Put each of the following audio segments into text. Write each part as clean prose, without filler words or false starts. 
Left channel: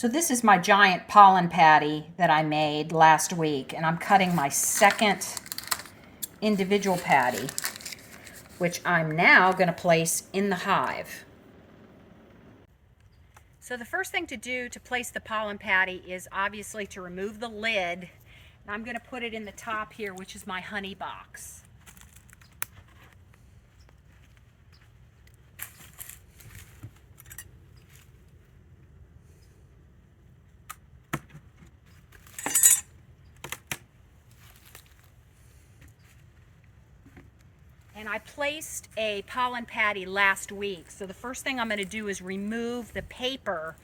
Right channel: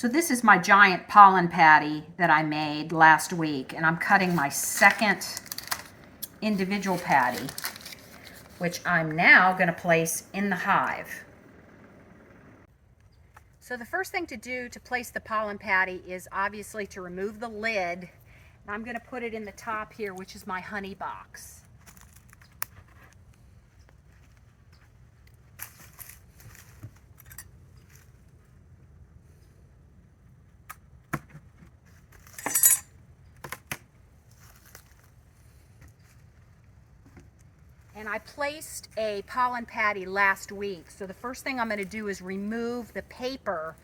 So this is my giant pollen patty that I made last week, and I'm cutting my second individual patty, which I'm now going to place in the hive. So the first thing to do to place the pollen patty is obviously to remove the lid. And I'm going to put it in the top here, which is my honey box. And I placed a pollen patty last week. So the first thing I'm going to do is remove the paper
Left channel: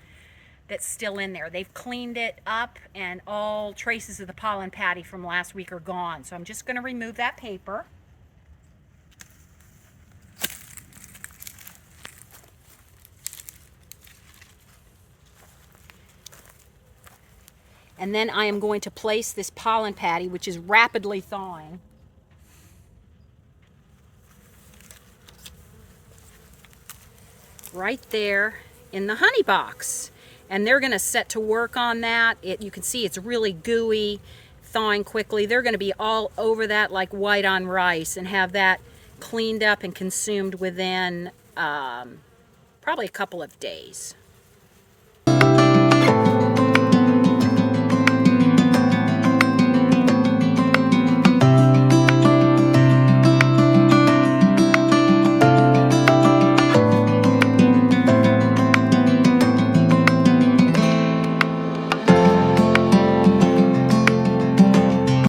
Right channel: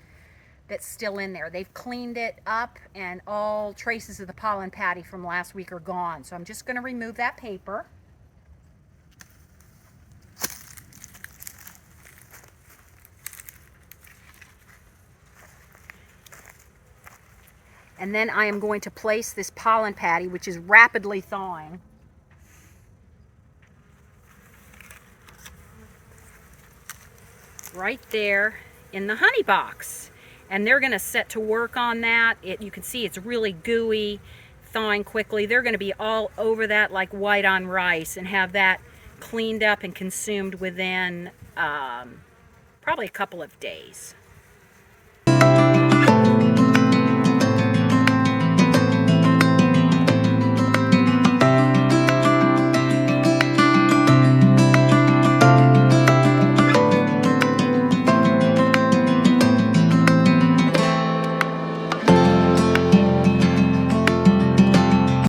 that's still in there. They've cleaned it up and all traces of the pollen patty from last week are gone. So I'm just going to remove that paper. And then I am going to place this pollen patty, which is rapidly thawing, right there in the honey box. And they're going to set to work on that. You can see it's really gooey, thawing quickly. They're going to be all over that like white on rice and have that cleaned up and consumed within probably a couple of days.